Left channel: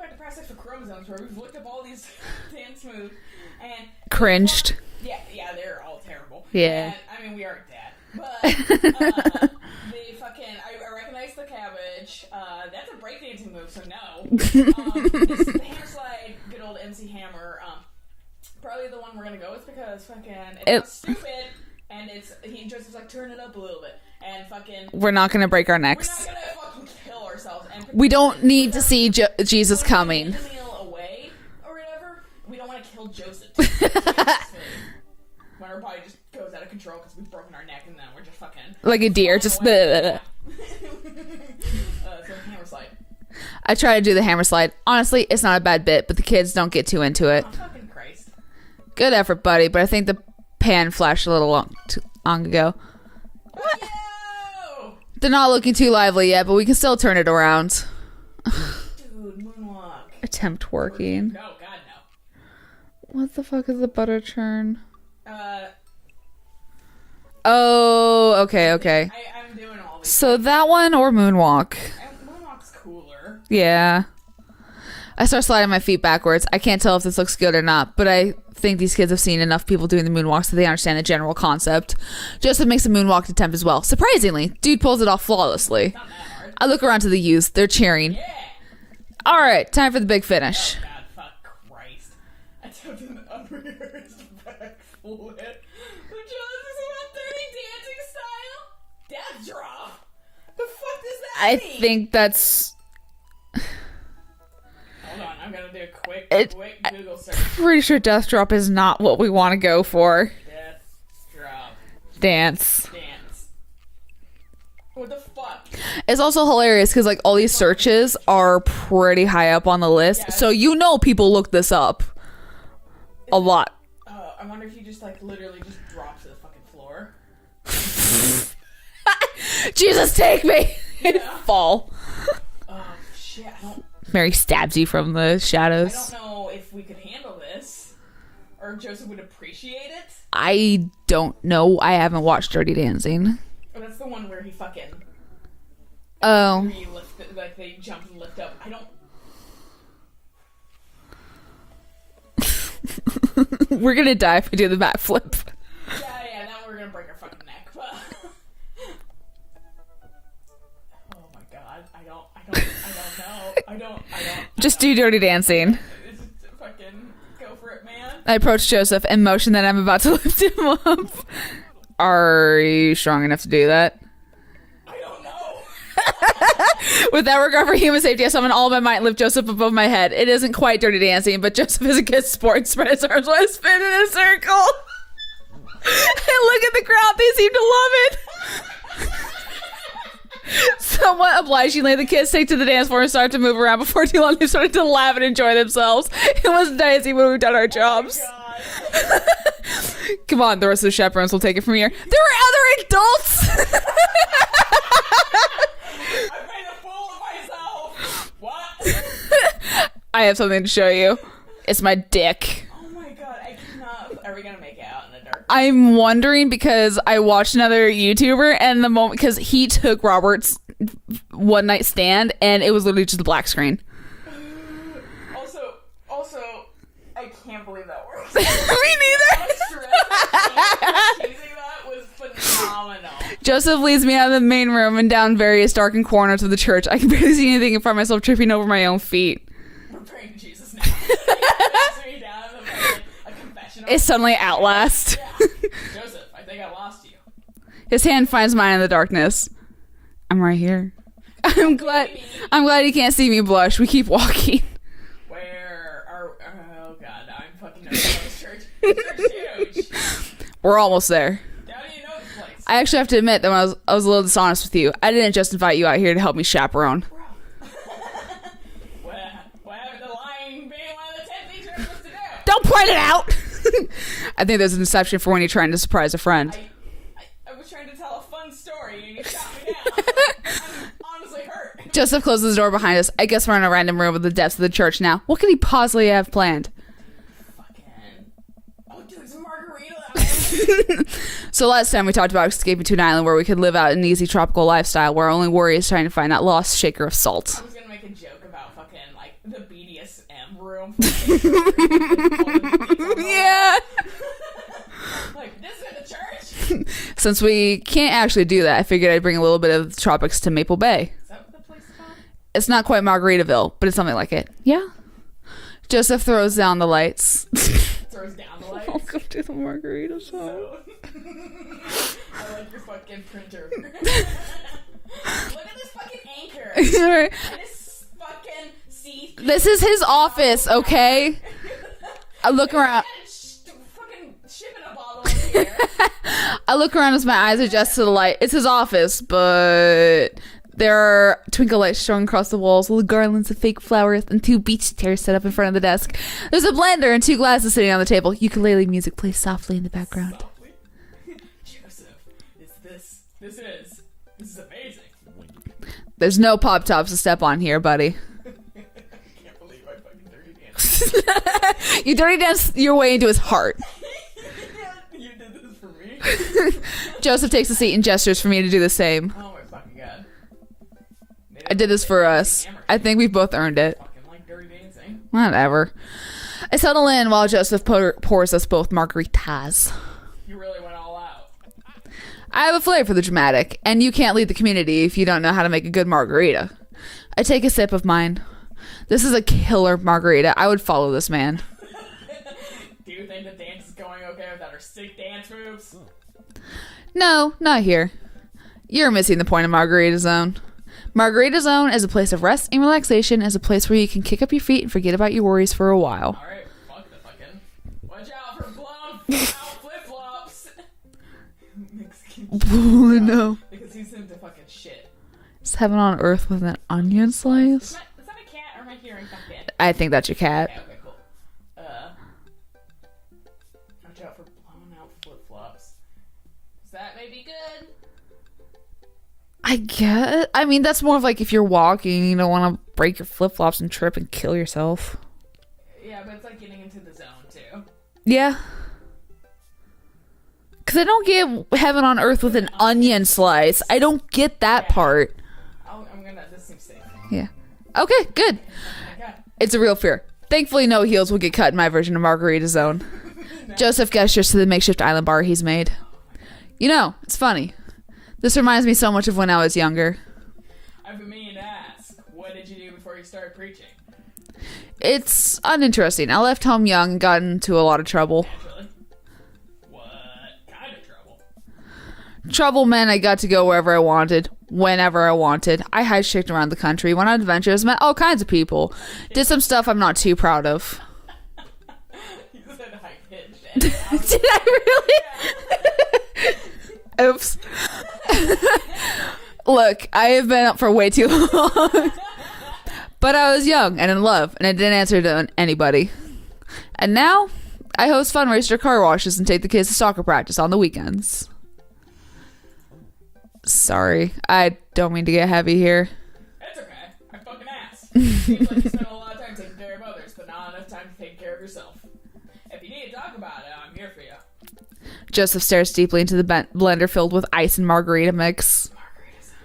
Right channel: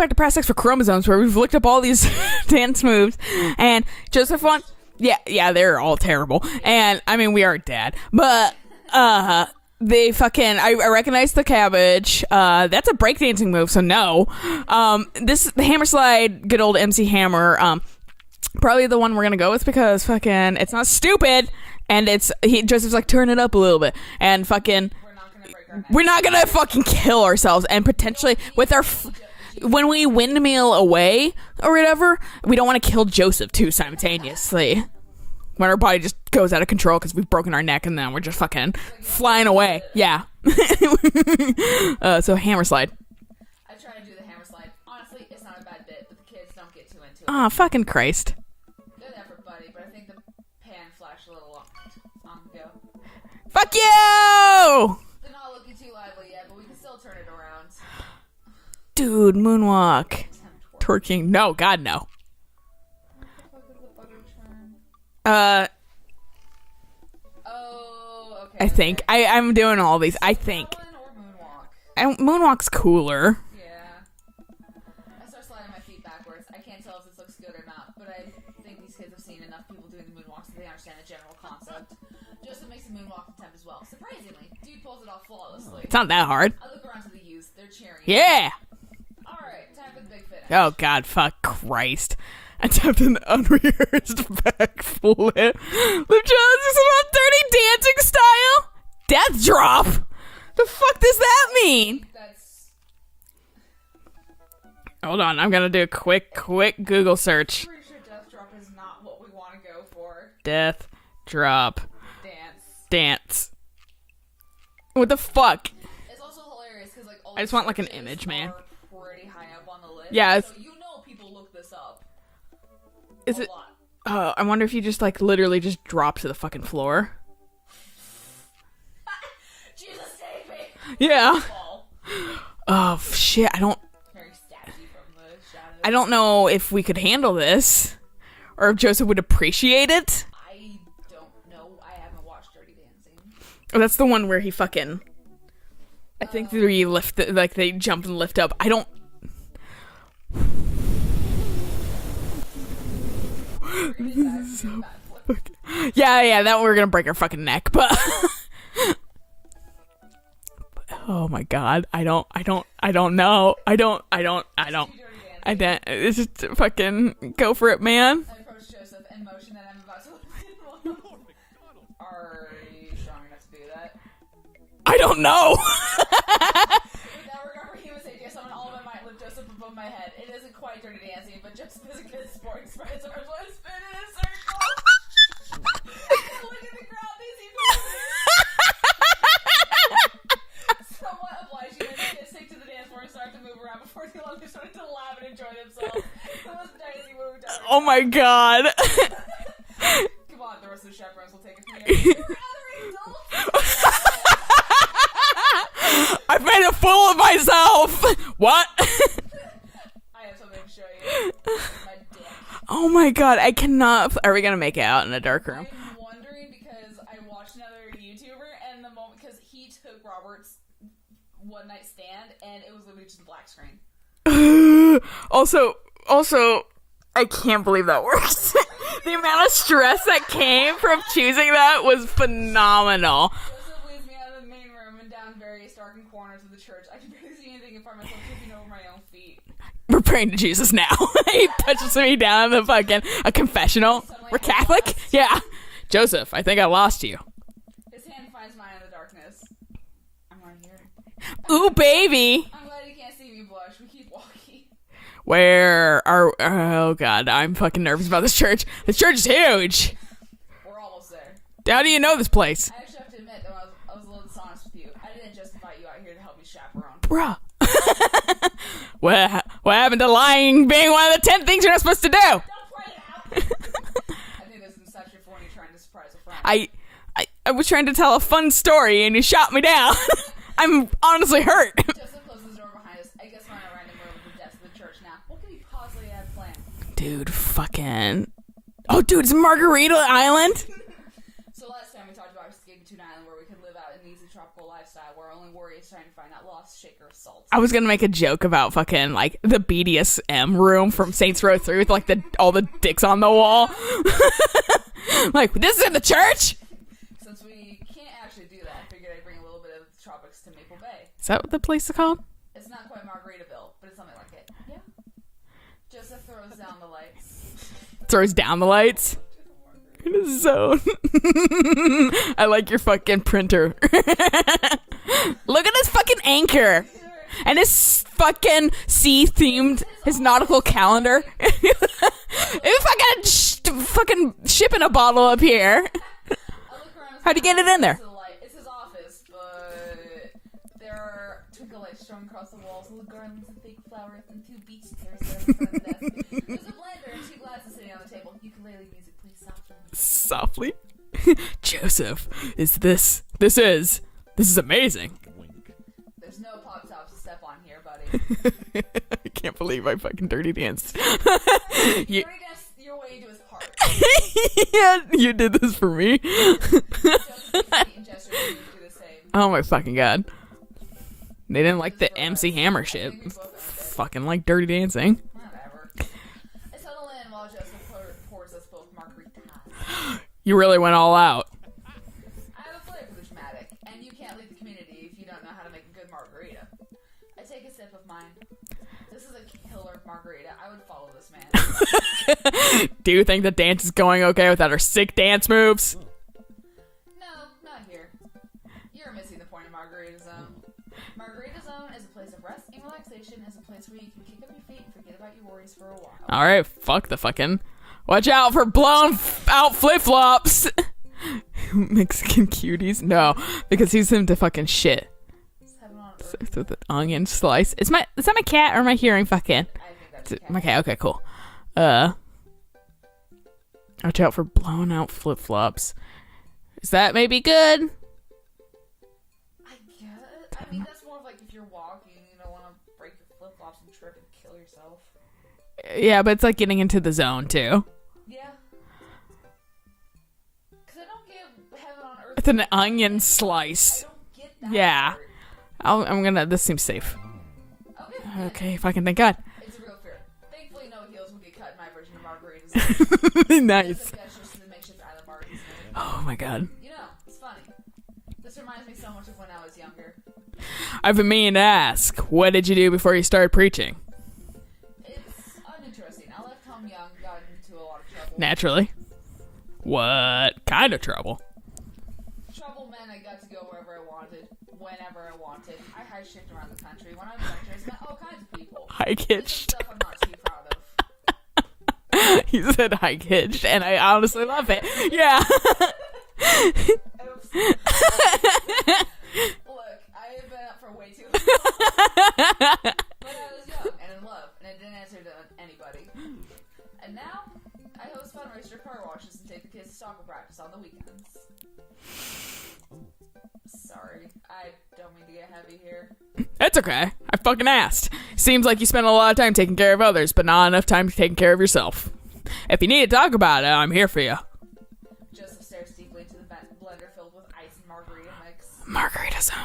back to Past Sex for Chromosomes, where we've looked up all these dance moves and cringed. Yeah, they're all terrible. Yeah. And I mean, we are dead, but they fucking. I recognize the cabbage. That's a breakdancing move, so no. The hammer slide, good old MC Hammer. Probably the one we're gonna go with because fucking it's not stupid. And Joseph's like, turn it up a little bit. And fucking... We're not going to break our necks. We're not going to fucking kill ourselves. And potentially... We don't need to see Jesus when coming. we windmill away or whatever, we don't want to kill Joseph too simultaneously. When our body just goes out of control because we've broken our neck and then we're just fucking... Like a deer. Flying away. Yeah. So hammer slide. I try to do the hammer slide. Honestly, it's not a bad bit, but the kids don't get too into it. Oh, fucking Christ. Good effort, buddy. But I think the pan flashed a little long ago. Fuck you! They're not looking too lively yet, but we can still turn it around. Dude, moonwalk. Attempt twerking. No, God, no. What the fuck is the butter churn? Oh, okay. I'm doing all these. So that one or moonwalk? Moonwalk's cooler. Yeah. I start sliding my feet backwards. I can't tell if this looks good or not, but I think these kids have seen enough people doing the moonwalk so they understand the general concept. Joseph makes a moonwalk attempt as well. Surprisingly, dude pulls it off flawlessly. It's not that hard. I look around to the youth. They're cheering. Yeah. All right, time for the big finish. Oh, God, fuck Christ. Attempt an unrehearsed backflip. The Jones about dirty dancing style. Death drop. The fuck does that mean? I think that's... Hold on, I'm gonna do a quick Google search. Pretty sure death drop is not what we want to go for. Death drop Dance. What the fuck? It's also hilarious because like all these searches are pretty high up on the list. Yeah, so you know people look this up a lot. I wonder if you just like literally just drop to the fucking floor. Jesus, take me. Yeah. Fall. Oh shit! Mary stabs you from the shadows. I don't know if we could handle this or if Joseph would appreciate it. I don't know. I haven't watched Dirty Dancing. Oh, that's the one where he fucking... where you lift... like, they jump and lift up. I don't... We're gonna die if we do the backflip. Yeah, that we're gonna break our fucking neck, but... Oh my God, I don't know. Just do Dirty Dancing. It's just fucking go for it, man. I approach Joseph and motion that I'm about to lift him up. Are you strong enough to do that? I don't know. Without regard for human safety, I summon all of my might and lift Joseph above my head. It isn't quite Dirty Dancing, but Joseph is a good sport and spread his arms while I spin in a circle. And look at the crowd, they seem to love it. Somewhat obligingly, the kids take to the dance floor and start to move around. Before too long, they started to laugh and enjoy themselves. It was dicey when we've done our jobs. Oh my God. Come on, the rest of the chaperones will take it from here. There were other adults. I made a fool of myself. What? I have something to show you. It's my dick. Oh my God, I cannot. Are we gonna make it out in a dark room? I'm wondering because I watched another YouTuber and the moment because he took Robert's one night stand and it was literally just a black screen. Also, I can't believe that works. Me neither. The amount of stress that came from choosing that was phenomenal. Joseph leads me out of the main room and down various darkened corners of the church. I can barely see anything and find myself tripping over my own feet. We're praying to Jesus now. He touches me down in the fucking a confessional. It's suddenly Outlast. Yeah. Joseph, I think I lost you. His hand finds mine in the darkness. I'm right here. Ooh, baby. I'm glad he can't see me blush. We keep walking. Where are... Oh, God. I'm fucking nervous about this church. This church is huge. We're almost there. How do you know this place? I actually have to admit that when I was a little dishonest with you. I didn't just invite you out here to help me chaperone. Bruh. What happened to lying being one of the 10 things you're not supposed to do? Don't point it out. I think there's an exception for when you're trying to surprise a friend. I was trying to tell a fun story and you shot me down. I'm honestly hurt. Joseph closes the door behind us. I guess we're in a random room in the depths of the church now. What could he possibly have planned? Dude, fucking... Oh, dude, it's Margarita Island. So last time we talked about escaping to an island where we could live out an easy tropical lifestyle where our only worry is trying to find that lost shaker of salt. I was gonna make a joke about fucking like the BDSM room from Saints Row 3 with like all the dicks on the wall. Like, this is in the church. Since we can't actually do that, I figured I'd bring a little bit of the tropics to Maple Bay. Is that what the place is called? It's not quite Margaritaville, but it's something like it. Yeah. Joseph throws down the lights. Throws down the lights. Welcome to the Margarita Zone. I like your fucking printer. Look at this fucking anchor. And his fucking sea-themed. This is his office, okay? I look around. I got fucking ship in a bottle up here. I look around his eyes adjust to the light. It's his office, but there are twinkle lights showing across the walls, little garlands of fake flowers, and 2 beach chairs set up in front of the desk. There's a blender and 2 glasses sitting on the table. Ukulele music plays softly in the background. Softly? Joseph, this is amazing. There's no pop tops to step on here, buddy. I can't believe I fucking dirty danced. You dirty danced your way into his heart. Yeah, you did this for me. Joseph takes a seat and gestures for me to do the same. Oh my fucking god. They didn't I did like this the for MC us. Hammer shit. I think we've both earned it. Fucking like dirty dancing. Whatever. I settle in while Joseph pours us both margaritas. You really went all out. I have a flair for the dramatic, and you can't lead the community if you don't know how to make a good margarita. I take a sip of mine. This is a killer margarita. I would follow this man. Do you think the dance is going okay without our sick dance moves? No, not here. You're missing the point of Margarita Zone. Margarita Zone is a place of rest and relaxation, as a place where you can kick up your feet and forget about your worries for a while. All right, fuck the fucking. Watch out for blown out flip flops. Mexican cuties, no, because he's into fucking shit. It's heaven on earth with that onion slice. Is that my cat or am I hearing fucking? I think that's your cat. Okay, cool. Watch out for blown out flip flops. Is that maybe good? I guess. I mean, that's more of like if you're walking, you don't want to break your flip flops and trip and kill yourself. Yeah, but it's like getting into the zone too. Yeah. Because I don't get heaven on earth with an onion slice. I don't get that part. This seems safe. Yeah. Okay, good. Okay, fucking thank God. It's a real fear. Thankfully, no heels will get cut in my version of Margarita Zone. Nice. Joseph gestures to the makeshift island bar he's made. Oh my God. You know, it's funny. This reminds me so much of when I was younger. I've been meaning to ask, what did you do before you started preaching? It's uninteresting. I left home young and got into a lot of trouble. Naturally. What kind of trouble? Trouble meant I got to go wherever I wanted, whenever I wanted. I highchicked around the country, went on adventures, met all kinds of people. Did some stuff I'm not too proud of. You said hike hitched, and I honestly love it. Yeah. Oops. Look, I have been up for way too long. But I was young and in love, and I didn't answer to anybody. And now, I host fundraiser car washes and take the kids to soccer practice on the weekends. Sorry, I don't mean to get heavy here. That's okay. I fucking asked. Seems like you spend a lot of time taking care of others, but not enough time taking care of yourself. If you need to talk about it, I'm here for you. Joseph stares deeply into the blender filled with ice and margarita mix. Margarita Zone.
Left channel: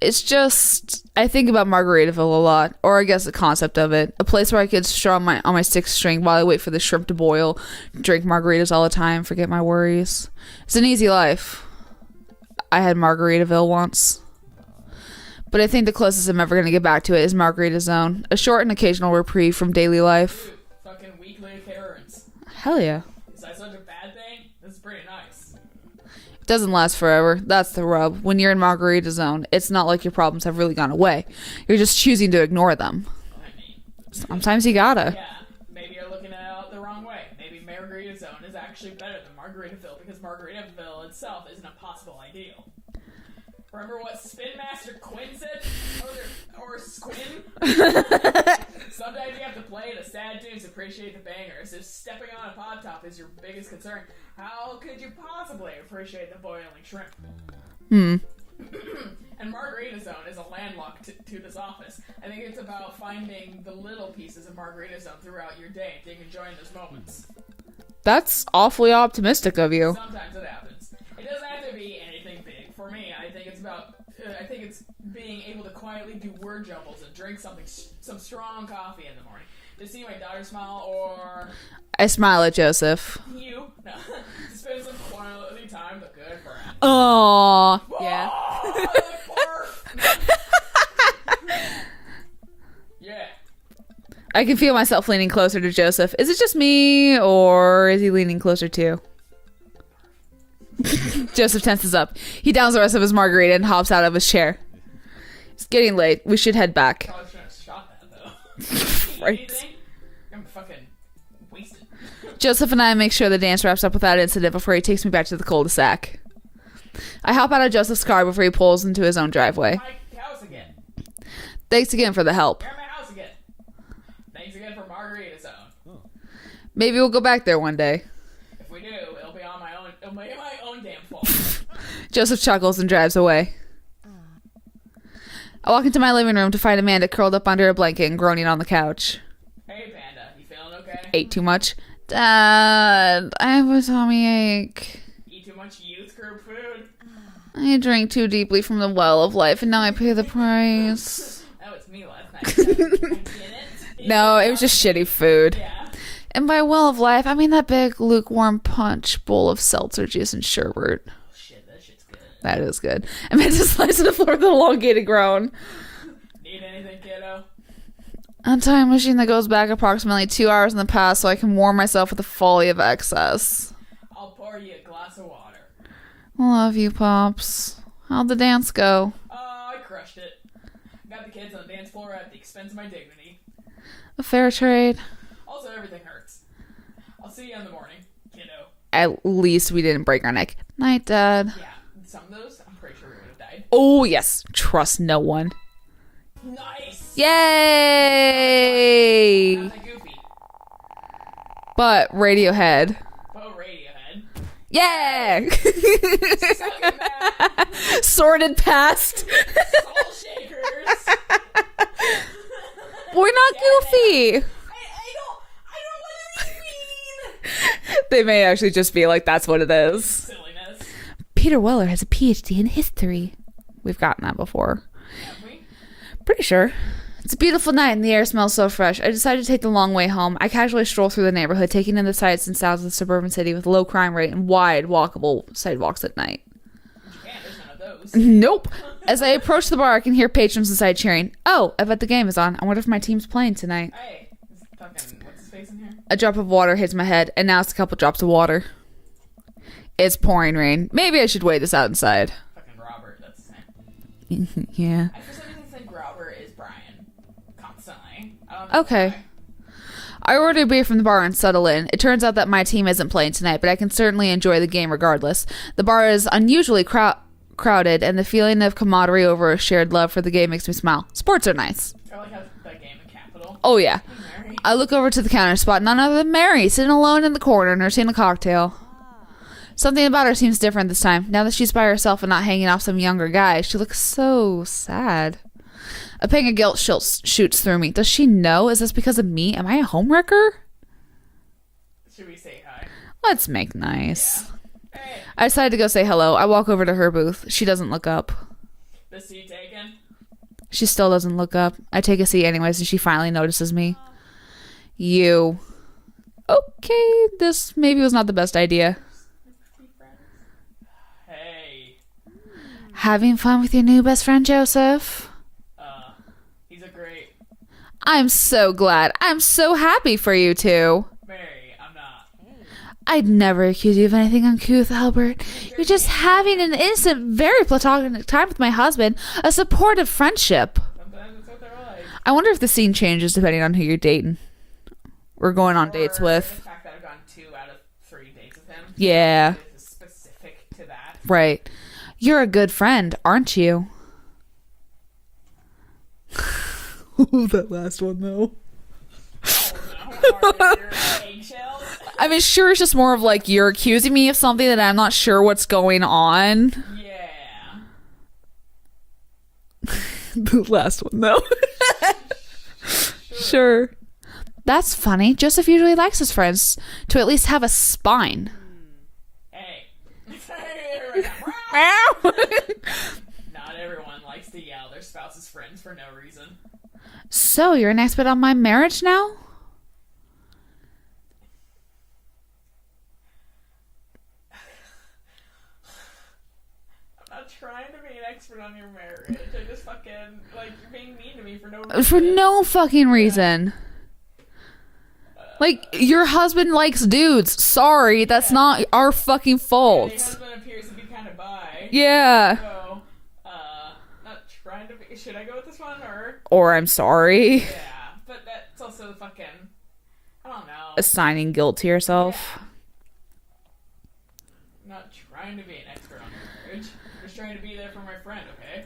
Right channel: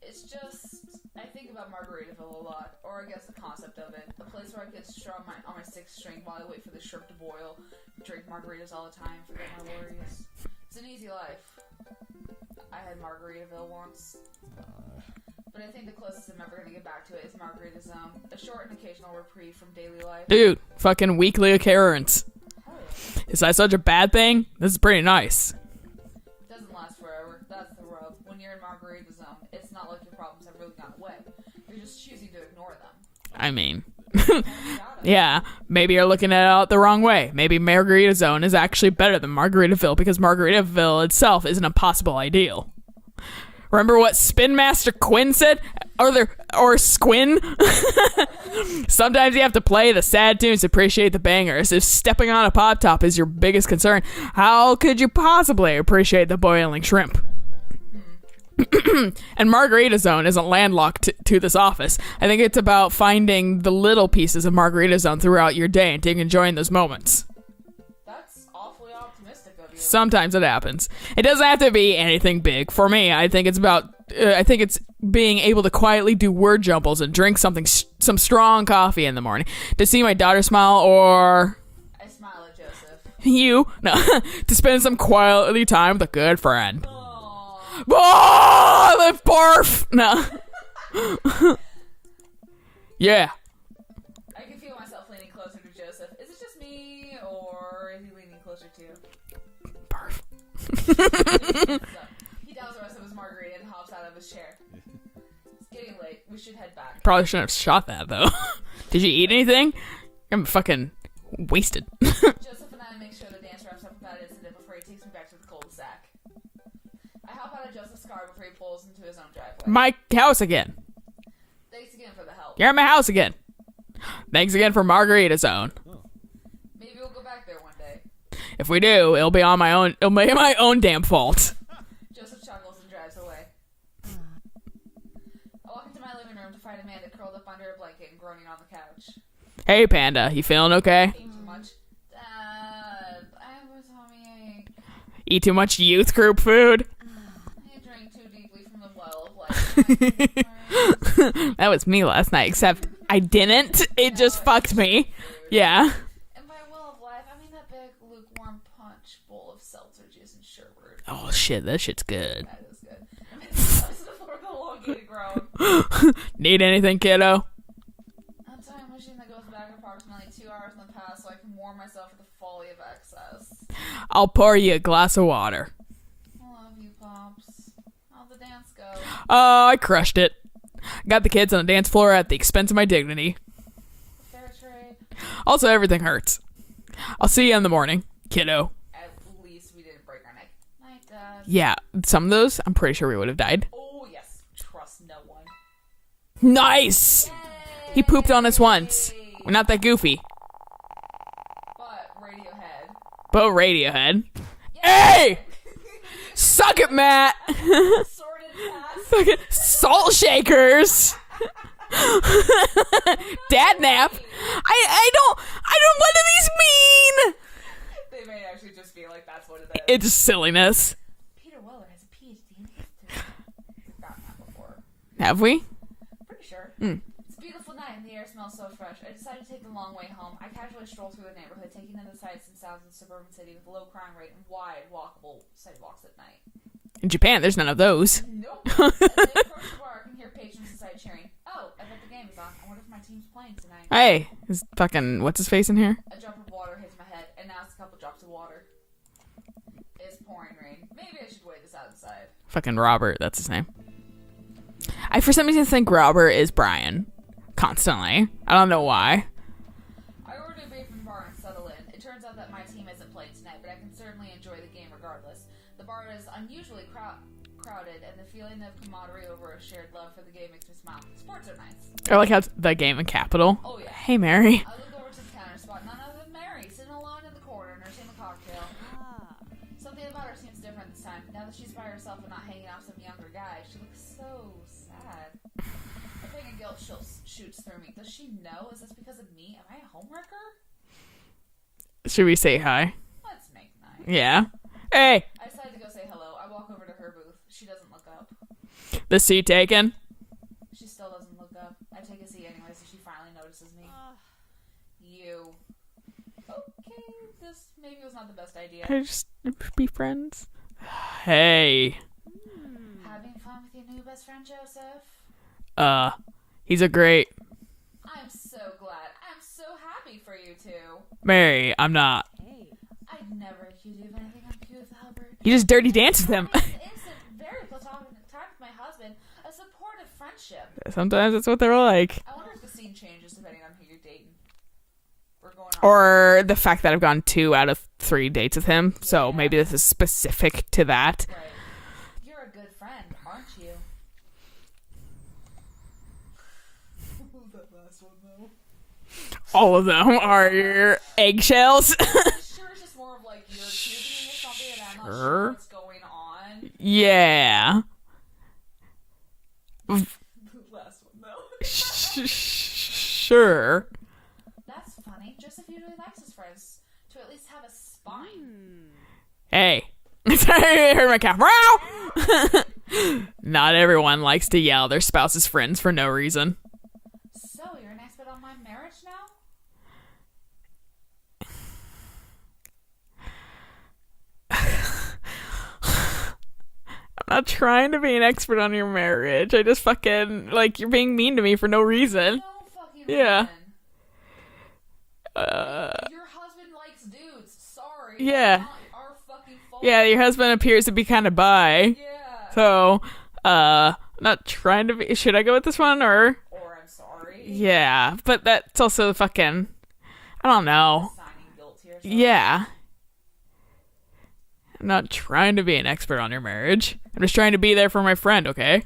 It's just, I think about Margaritaville a lot, or I guess the concept of it. A place where I could strum on my 6th string while I wait for the shrimp to boil, drink margaritas all the time, forget my worries. It's an easy life. I had Margaritaville once. But I think the closest I'm ever going to get back to it is Margarita Zone. A short and occasional reprieve from daily life. Dude, fucking weekly occurrence. Hell yeah. Is that such a bad thing? This is pretty nice. It doesn't last forever. That's the rub. When you're in Margarita Zone, it's not like your problems have really gone away. You're just choosing to ignore them. I mean... Sometimes you gotta. Yeah, maybe you're looking at it the wrong way. Maybe Margarita Zone is actually better than Margaritaville because Margaritaville itself isn't a possible ideal. Remember what Spin Master Quinn said? Or Squin? Sometimes you have to play the sad tunes to appreciate the bangers. If stepping on a pop top is your biggest concern, how could you possibly appreciate the boiling shrimp? And Margarita Zone isn't landlocked to this office. I think it's about finding the little pieces of Margarita Zone throughout your day and enjoying those moments. That's awfully optimistic of you. Sometimes it happens. It doesn't have to be anything big. For me, I think it's being able to quietly do word jumbles and drink some strong coffee in the morning. To see my daughter smile, or I smile at Joseph. to spend some quality time with a good friend. Aww. Oh, the barf. No. Yeah. I can feel myself leaning closer to Joseph. Is it just me, or is he leaning closer too? Barf. Joseph tenses up. He downs the rest of his margarita and hops out of his chair. It's getting late. We should head back. Probably shouldn't have shot that, though. Did you eat anything? I'm fucking wasted. Joseph and I make sure the dance wraps up without incident before he takes me back to the cul-de-sac. I hop out of Joseph's car before he pulls into his own driveway. My house again. Thanks again for the help. You're at my house again. Thanks again for Margarita Zone. Maybe we'll go back there one day. If we do, it'll be my own damn fault. Joseph chuckles and drives away. I walk into my living room to find Amanda curled up under a blanket and groaning on the couch. Hey, Panda, you feeling okay? Ate too much? Dad, I have a tummy ache. Eat too much youth group food? I drank too deeply from the well of life, and now I pay the price. That was me last night, except I didn't. It was just just me. shitty food. Yeah. And by well of life, I mean that big lukewarm punch bowl of seltzer juice and sherbet. Oh, shit, that shit's good. That is good. Amanda slides to the floor with an elongated groan. Need anything, kiddo? A time machine that goes back approximately 2 hours in the past so I can warm myself with the folly of excess. I'll pour you a glass of water. Love you, Pops. How'd the dance go? Oh, I crushed it. Got the kids on the dance floor at the expense of my dignity. A fair trade. Also, everything hurts. I'll see you in the morning, kiddo. At least we didn't break our neck. Night, Dad. Yeah, some of those, I'm pretty sure we would have died. Oh, yes. Trust no one. Nice! Yay! He pooped on us once. We're not that goofy. But Radiohead. But Radiohead. Yay! Suck it, Matt! Sorted past. Salt shakers! We're not Dad goofy. nap. I don't, what do these mean? They may actually just be like, that's what it is. It's silliness. Peter Weller has a PhD in history. We've gotten that before. Have we? Pretty sure. It's a beautiful night and the air smells so fresh. I decided to take the long way home. I casually stroll through the neighborhood, taking in the sights and sounds of the suburban city with low crime rate and wide walkable sidewalks at night. In Japan, there's none of those. Nope. As I approach the bar, I can hear patrons inside cheering. Oh, I bet the game is on. I wonder if my team's playing tonight. Hey, is fucking what's his face in here? A drop of water hits my head, and now it's a couple drops of water. It's pouring rain. Maybe I should wait this out inside. Fucking Robert, that's his name. Yeah. I for some reason think Robert is Brian. Constantly. I don't know why. I order a beer from the bar and settle in. It turns out that my team isn't playing tonight, but I can certainly enjoy the game regardless. The bar is unusually crowded, and the feeling of camaraderie over a shared love for the game makes me smile. Sports are nice. I like how it's the game in capital. Oh, yeah. Hey, Mary. I look over to the counter spot, none other than Mary, sitting alone in the corner, nursing a cocktail. Something about her seems different this time. Now that she's by herself and not hanging off some younger guy, she looks so sad. A pang of guilt shoots through me. Does she know? Is this because of me? Am I a homewrecker? Should we say hi? Let's make nice. Yeah. Hey. I decide to go say hello. I walk over to her booth. She doesn't look up. The seat taken? She still doesn't look up. I take a seat anyways, and she finally notices me. You. Okay, this maybe was not the best idea. Just be friends. Hey. Having fun with your new best friend, Joseph? He's a great... I'm so glad. I'm so happy for you two. Mary, I'm not. I'd never accuse you of anything uncouth, Albert. You just dirty You're dancing just having an innocent, very platonic time with my husband. A supportive friendship. Sometimes that's what they're like. I wonder if the scene changes depending on who you're dating. We're going on or dates with. the fact that I've gone 2 out of 3 dates with him. Yeah. So maybe this is specific to that. Right. You're a good friend, aren't you? That last one, though. All of them are your eggshells. I mean, sure, it's just more of like you're accusing me of something that I'm not sure what's going on. Yeah. The last one, though. Sure. Sure. That's funny. Joseph usually likes his friends to at least have a spine. Hey. I heard my cat. Not everyone likes to yell their spouse's friends for no reason. So, you're an expert on my marriage now? I'm not trying to be an expert on your marriage. I just fucking, like, you're being mean to me for no reason. For no fucking reason. Like, your husband likes dudes. Sorry, that's not our fucking fault. Yeah, your husband appears to be kind of bi. Yeah. So, not trying to be... Should I go with this one, or... Or I'm sorry. Yeah, but that's also fucking... I don't know. Assigning guilt to yourself. Yeah. I'm not trying to be an expert on your marriage. I'm just trying to be there for my friend, okay?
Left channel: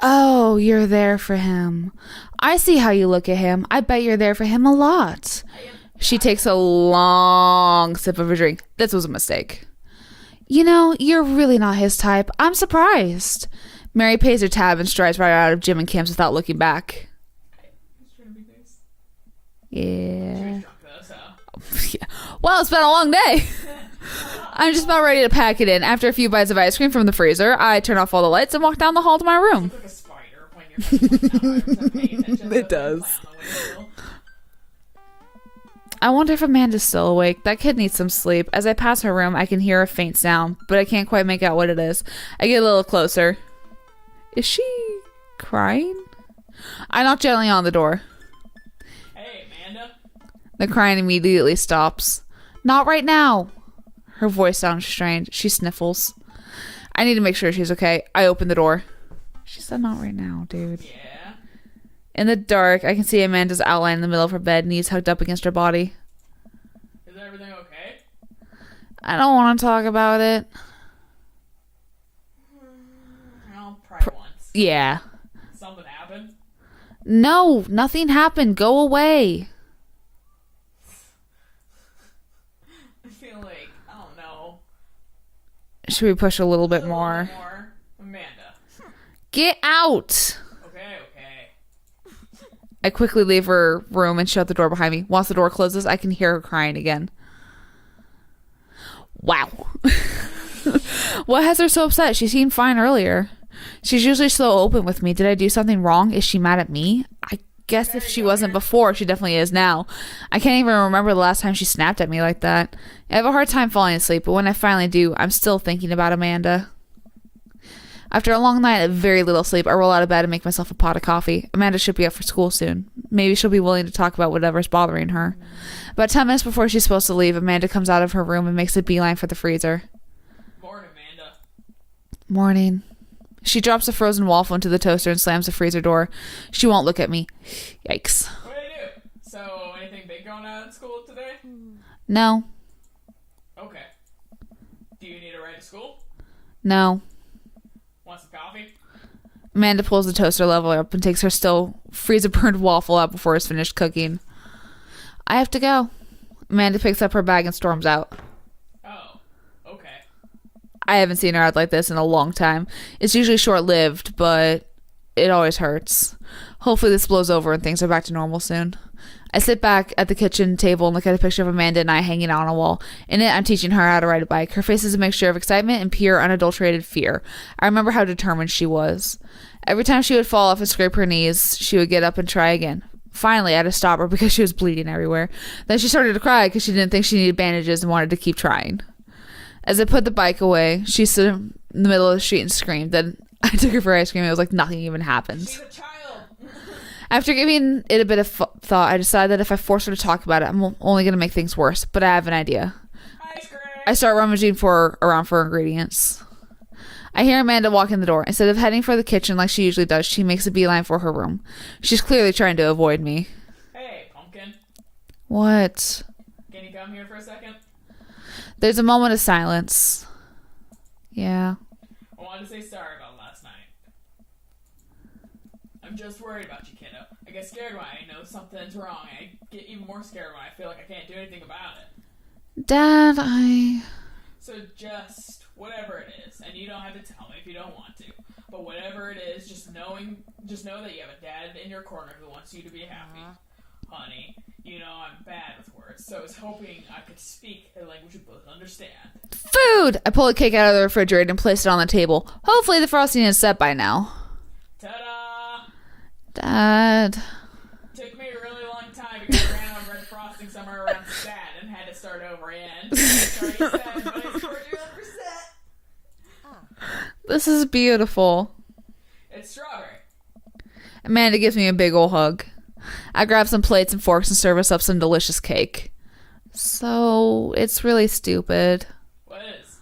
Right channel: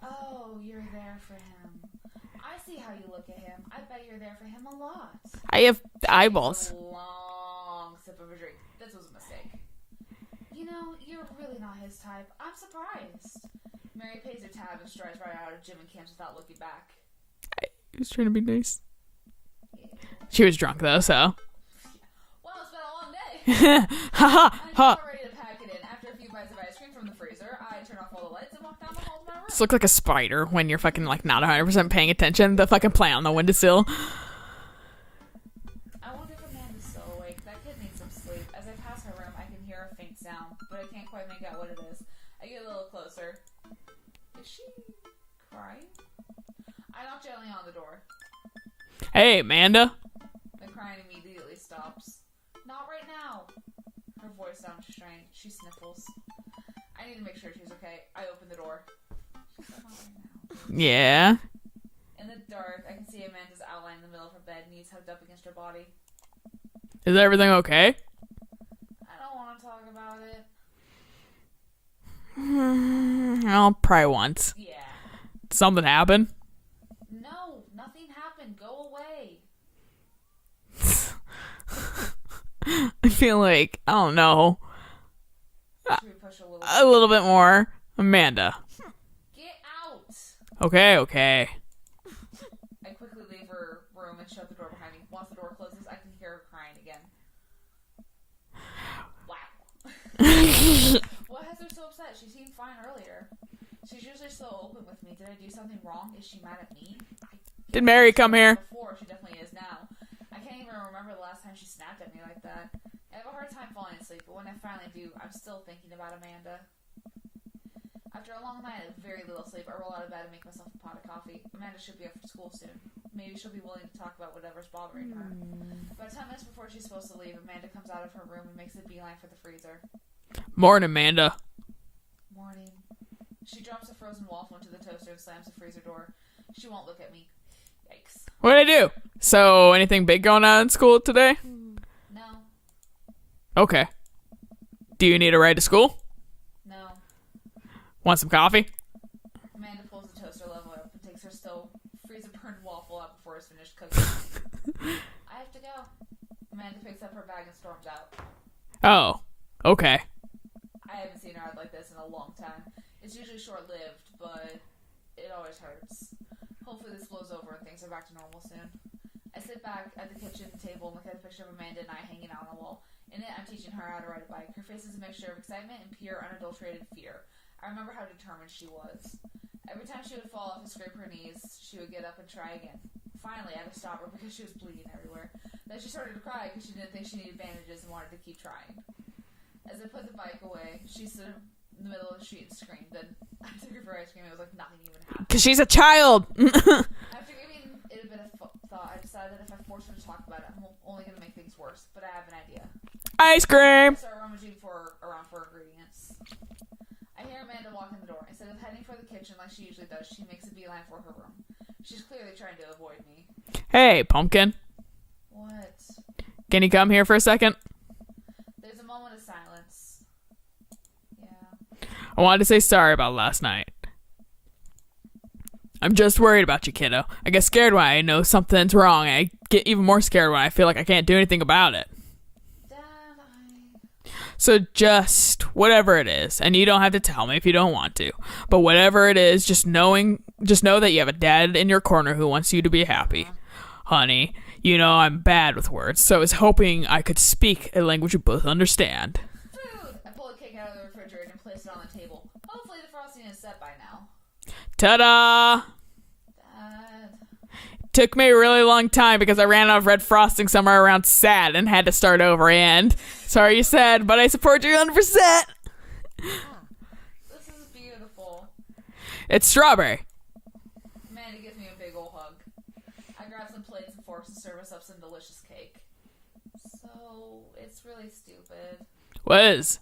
Oh, you're there for him. I see how you look at him. I bet you're there for him a lot. I have She eyeballs. takes a long sip of her drink. This was a mistake. You know, you're really not his type. I'm surprised. Mary pays her tab and strides right out of Jim and Kim's without looking back. I was trying to be nice. Yeah. She was drunk, though, so... Yeah. Well, it's been a long day. I'm just about ready to pack it in. After a few bites of ice cream from the freezer, I turn off all the lights and walk down the hall to my room. You look like a spider when you're fucking, like, not 100% paying attention to the fucking plant on the windowsill. I wonder if Amanda's still awake. That kid needs some sleep. As I pass her room, I can hear a faint sound, but I can't quite make out what it is. I get a little closer. Is she crying? I knock gently on the door. Hey, Amanda. The crying immediately stops. Not right now. Her voice sounds strained. She sniffles. I need to make sure she's okay. I open the door. She said not right now, dude. Yeah? In the dark, I can see Amanda's outline in the middle of her bed, knees hugged up against her body. Is everything okay? I don't want to talk about it. I'll probably once. Yeah. Something happened? No, nothing happened. Go away. I feel like, I don't know. Should we push a little bit A more? little bit more. Amanda. Get out. Okay. I quickly leave her room and shut the door behind me. Once the door closes, I can hear her crying again. Wow. What has her so upset? She seemed fine earlier. She's usually so open with me. Did I do something wrong? Is she mad at me? I guess Mary, if she come wasn't here. before, she definitely is now. I can't even remember the last time she snapped at me like that. I have a hard time falling asleep, but when I finally do, I'm still thinking about Amanda. After a long night of very little sleep, I roll out of bed and make myself a pot of coffee. Amanda should be up for school soon. Maybe she'll be willing to talk about whatever's bothering her. About 10 minutes before she's supposed to leave, Amanda comes out of her room and makes a beeline for the freezer. Morning, Amanda. Morning. She drops a frozen waffle into the toaster and slams the freezer door. She won't look at me. Yikes. What'd I do? So, anything big going on in school today? No. Okay. Do you need a ride to school? No. Want some coffee? Amanda pulls the toaster level up and takes her still freezer-burned waffle out before it's finished cooking. I have to go. Amanda picks up her bag and storms out. Oh, okay. I haven't seen her out like this in a long time. It's usually short-lived, but it always hurts. Hopefully this blows over and things are back to normal soon. I sit back at the kitchen table and look at a picture of Amanda and I hanging out on a wall. In it, I'm teaching her how to ride a bike. Her face is a mixture of excitement and pure, unadulterated fear. I remember how determined she was. Every time she would fall off and scrape her knees, she would get up and try again. Finally, I had to stop her because she was bleeding everywhere. Then she started to cry because she didn't think she needed bandages and wanted to keep trying. As I put the bike away, she stood in the middle of the street and screamed. Then I took her for ice cream. It was like nothing even happened. Because she's a child. After giving it a bit of thought, I decided that if I force her to talk about it, I'm only going to make things worse. But I have an idea. Ice cream. I start rummaging around for ingredients. I hear Amanda walk in the door. Instead of heading for the kitchen like she usually does, she makes a beeline for her room. She's clearly trying to avoid me. Hey, pumpkin. What? Can you come here for a second? There's a moment of silence. Yeah. I wanted to say sorry about last night. I'm just worried about you, kiddo. I get scared when I know something's wrong. I get even more scared when I feel like I can't do anything about it. Dad, So just whatever it is, and you don't have to tell me if you don't want to, but whatever it is, just know that you have a dad in your corner who wants you to be happy. Honey, You know, I'm bad with words, so I was hoping I could speak a language you both understand. Food! I pull a cake out of the refrigerator and place it on the table. Hopefully the frosting is set by now. Ta-da! Dad. Took me a really long time because I ran out of red frosting somewhere around sad and had to start over. And sorry you said, but I support you 100%. This is beautiful. It's strawberry. Amanda gives me a big ol' hug. I grab some plates and forks and serve us up some delicious cake. So, it's really stupid. What is?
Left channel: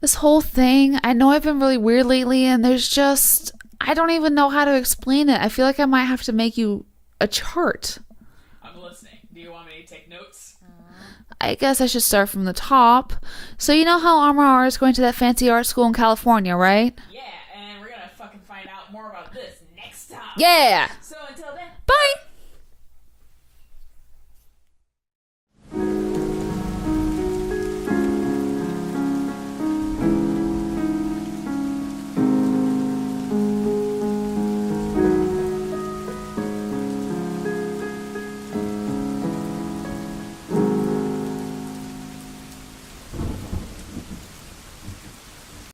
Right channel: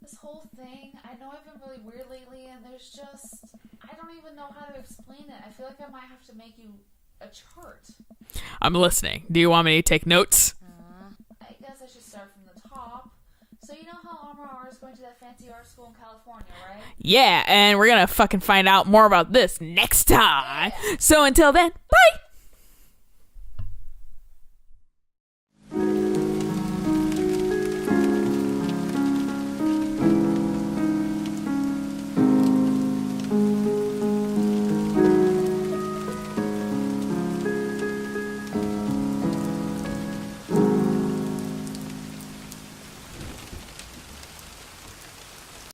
This whole thing, I know I've been really weird lately, and there's just... I don't even know how to explain it. I feel like I might have to make you a chart. I'm listening. Do you want me to take notes? I guess I should start from the top. So you know how Armor is going to that fancy art school in California, right? Yeah, and we're gonna fucking find out more about this next time. Yeah. So until then, Bye!